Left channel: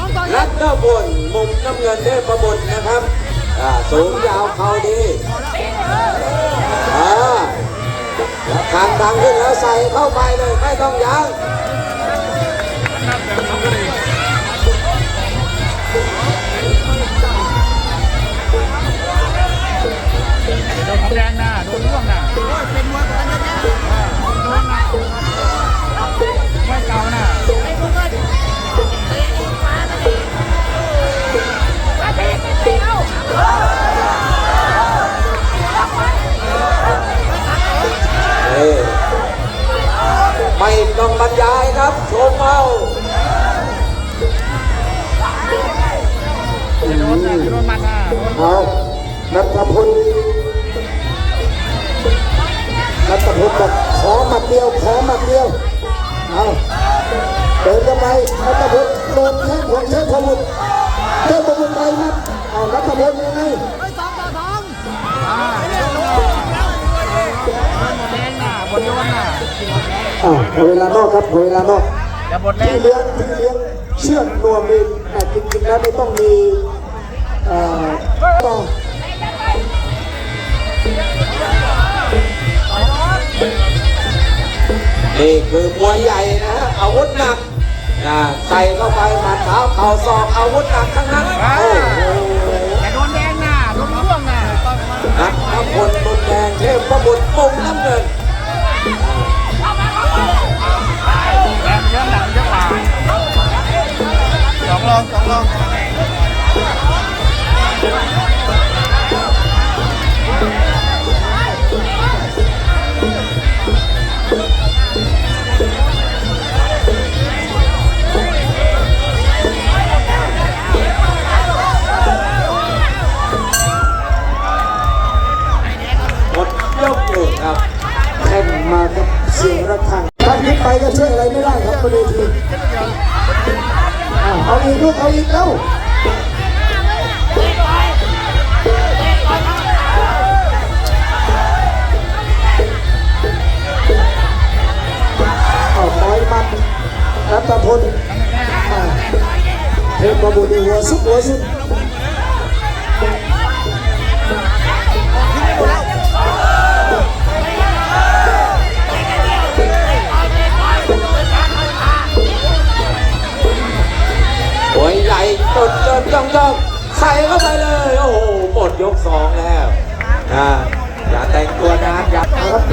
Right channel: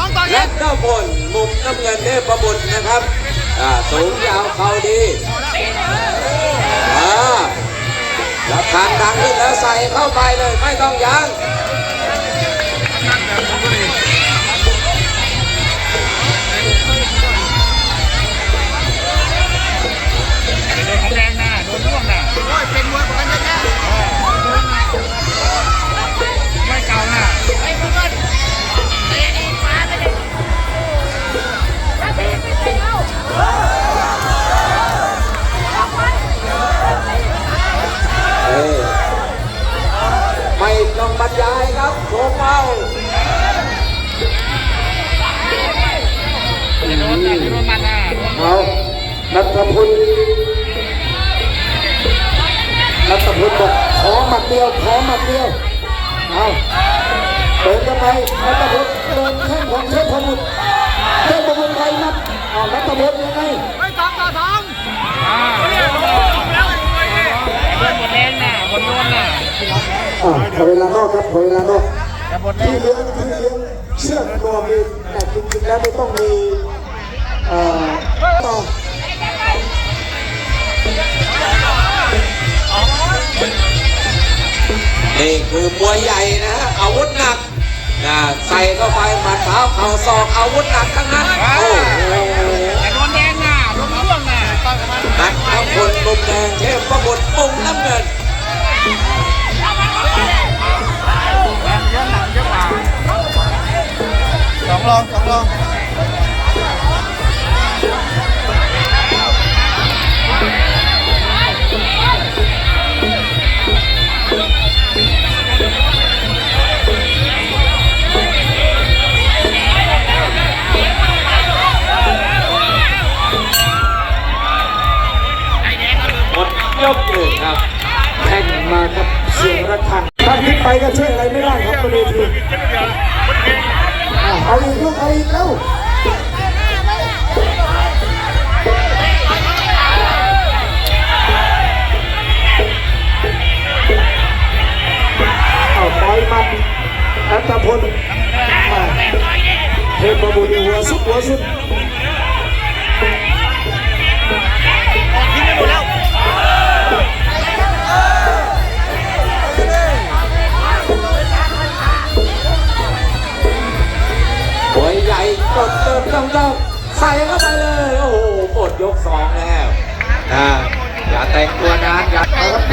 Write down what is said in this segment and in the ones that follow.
น้องต่อและอีกก็บนมุมน้ำเงินเทพบุตรนะครับอ่าสูงยาวเขาดีอ่าทางดังขึ้นแล้วใส่ บนโดนนะอ่าเวลานอกครับเวลานอกจะหมดแดที่งเลี้ยงที่เลี้ยงเชื่อกรวมมีแต่จริงๆแล้วไม่ต้องมีเอ่อต่องนี่คือมวยใหญ่นะฮะอาวุธหนักนะใส่เข้าไปหมัดเท้าเข่าศอกอาวุธหนักทั้ง สอง กลูกเอาอีกเอ้าเอาไปมันรัตพลอะเทพบุตรหัวสุดหัวสุด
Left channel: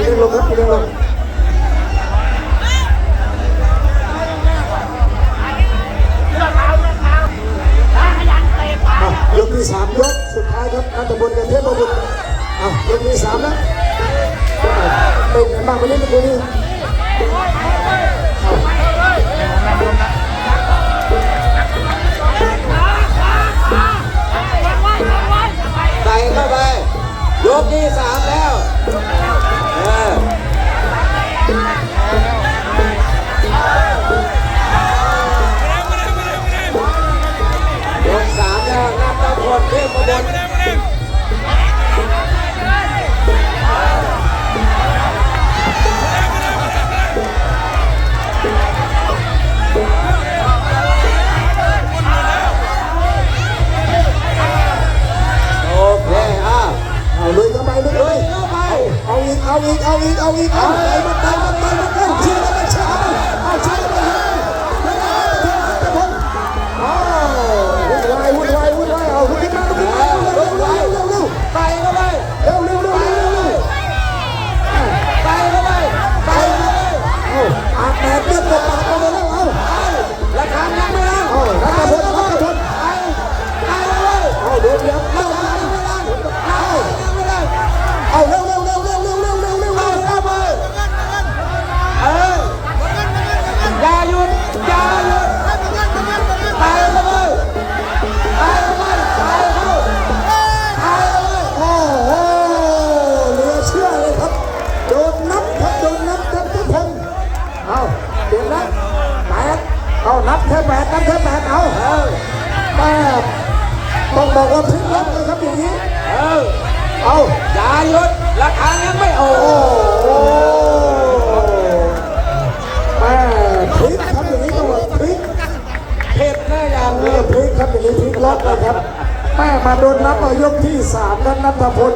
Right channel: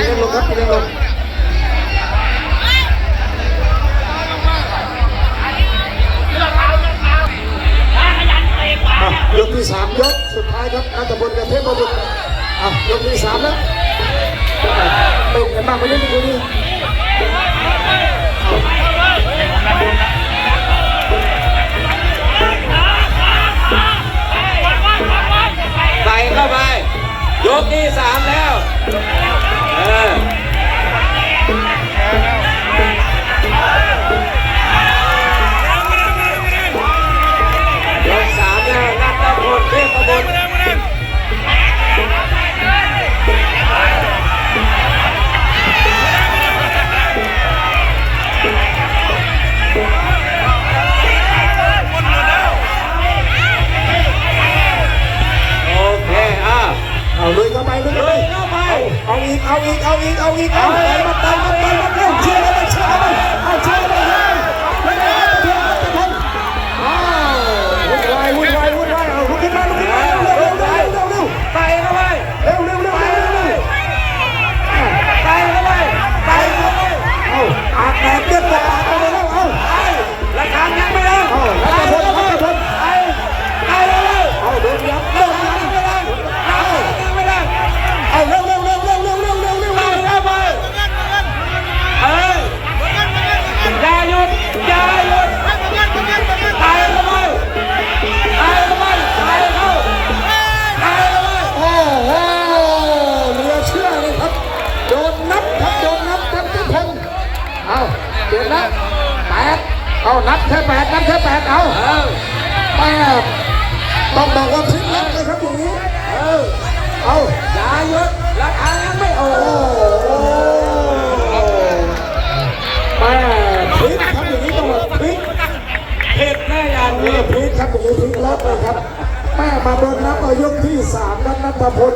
รับเลี้ยงครับเลี้ยกที่สามยกสุดท้ายครับอาตะบนกับเทพบุตรอะยกที่สามแล้วเป็นไงบ้างไปเล่นดูนี่ใบอกว่าทิ้งรักเลยครับอย่างนี้เออเอายาเยอะราคายังไม่เอาโอ้โหพลิครับอย่างนี้ต้องบอกพลิกเดแยามนี้พลิกครับอย่างนี้พลิกรักเลครับแม่มาโดนนับเอายกที่สามนับนับพล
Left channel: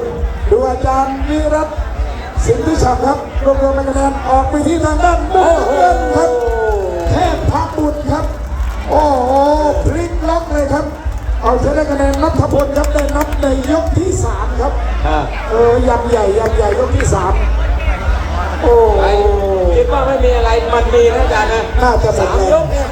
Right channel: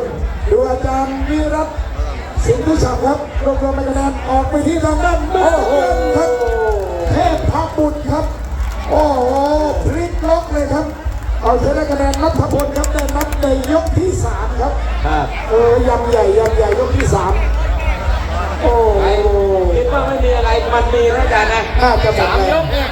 ดูอาจารย์วิรัตสิงห์ทิชายครับรวมรวมคะแนนออกไปที่ทางด้านด้านครับ คะแนนนัทพลครับได้นับในยกที่สามครับโอ้ยำใหญ่ยำใหญ่ยกที่สามโอ้คิดว่าไม่มีอะไรมันมีนะอาจารย์นะ น่าจะหมดสามแล้ยวกเนี่ย